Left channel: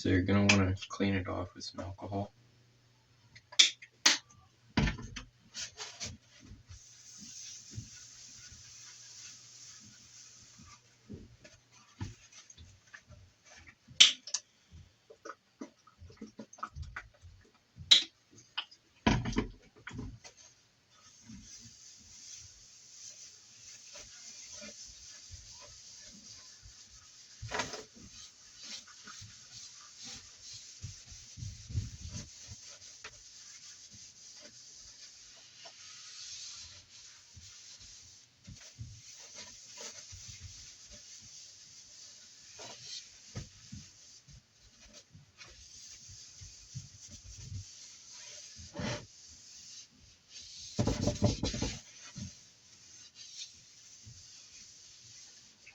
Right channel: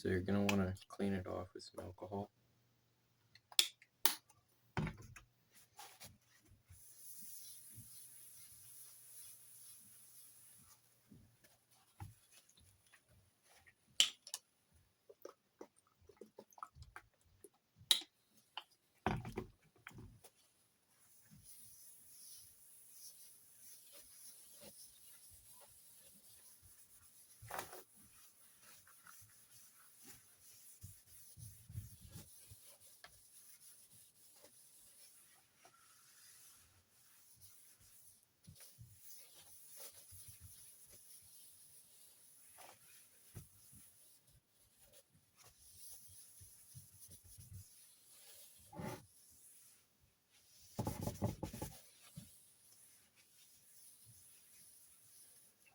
So you're going to want to clean it off with some alcohol.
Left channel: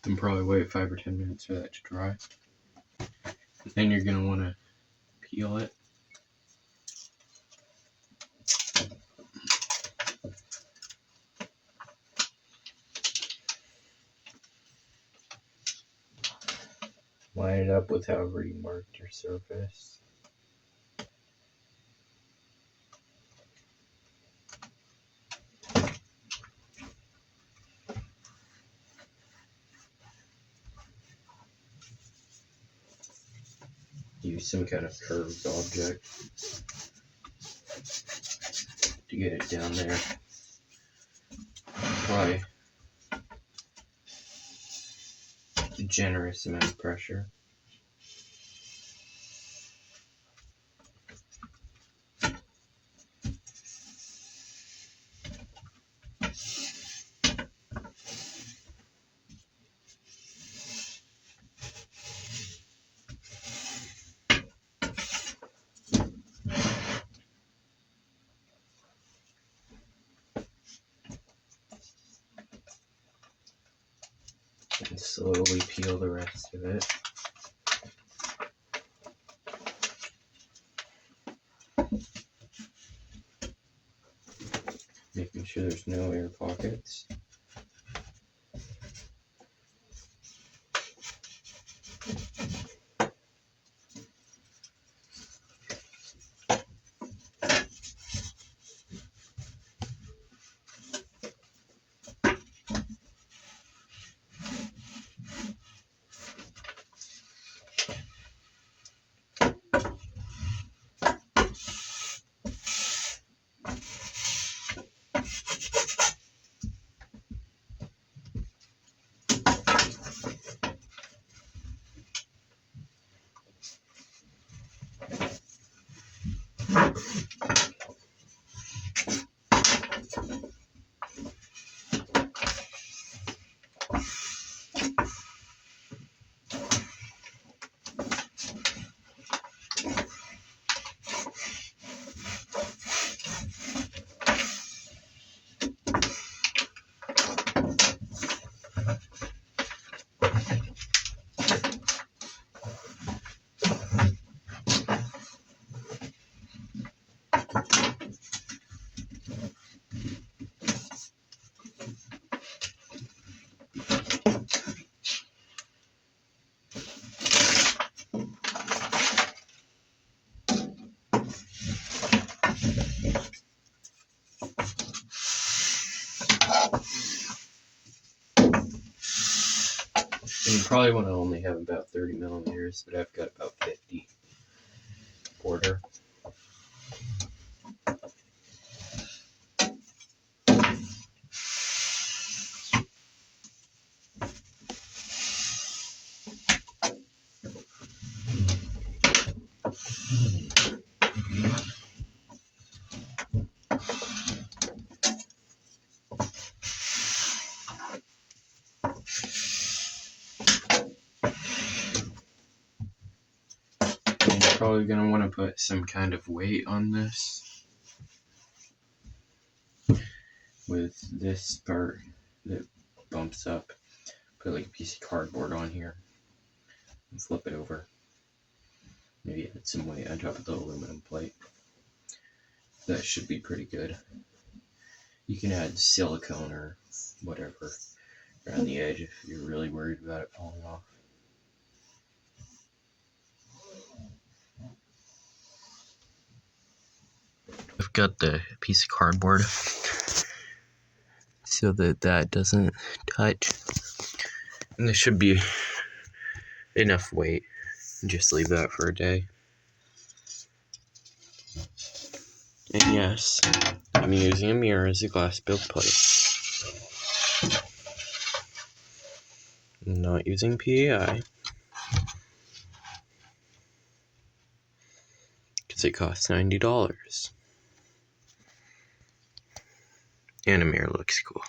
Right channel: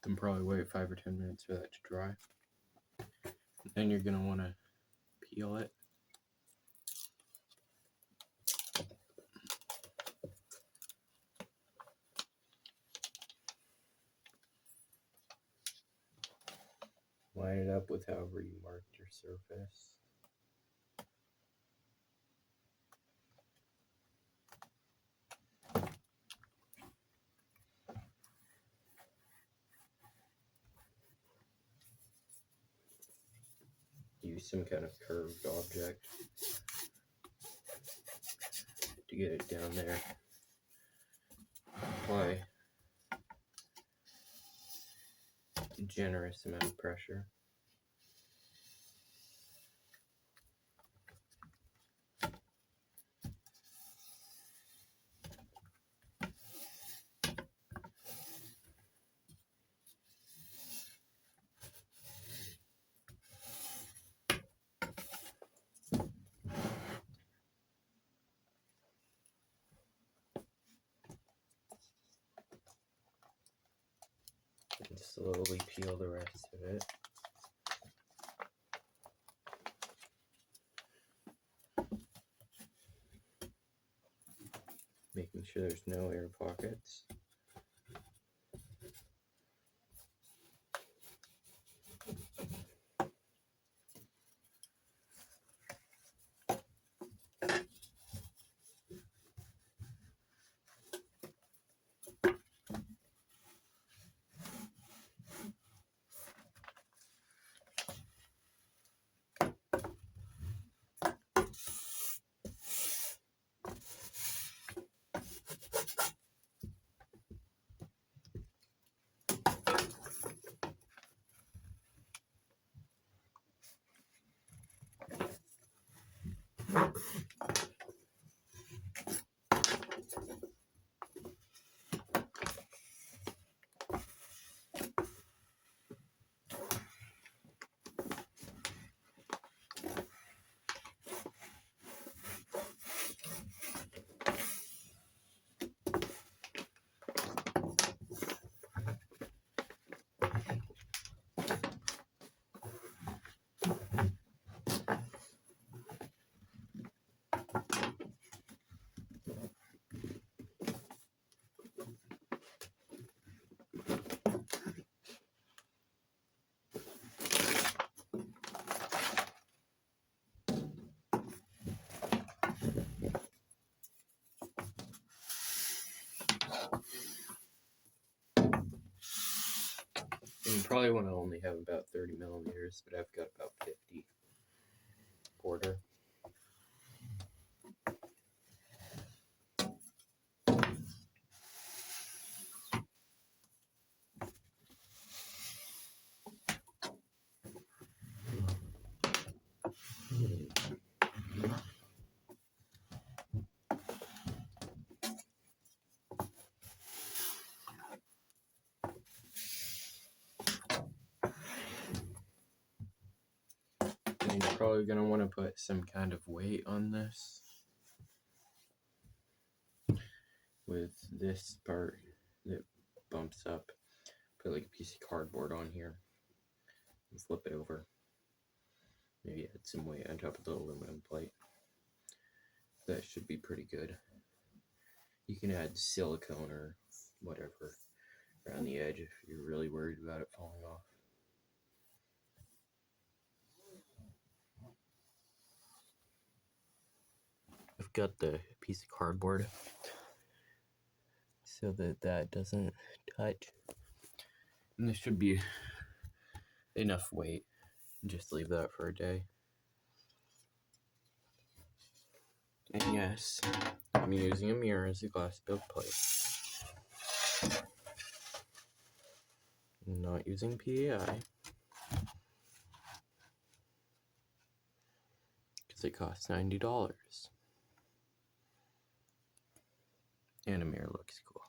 Then probably wait 5 or 10 minutes for that to dry. Then you're going to want to peel it. Line it up with however you marked your surface. Use some kind of curved object to get it down there. Apply a generous amount of pressure. And slowly peel the rest of it. Making sure there's no air pockets. And you probably want to only have about 30 millimeters, but I've got about 50 border. And you're probably going to want to put some kind of weight on this. With this part that bumps up, put like a piece of cardboard on here and flip it over. Maybe add some weight on top of the aluminum plate. That should be pretty good. You can add silicone or whatever around the edge if you're really worried about it falling off. got the piece of cardboard so that doesn't touch. And this should be enough weight. Just leave that for a day. And yes, I'm using a mirror as a glass build plate. I'm not using PAI. Because it costs $90. And a mirror looks cool.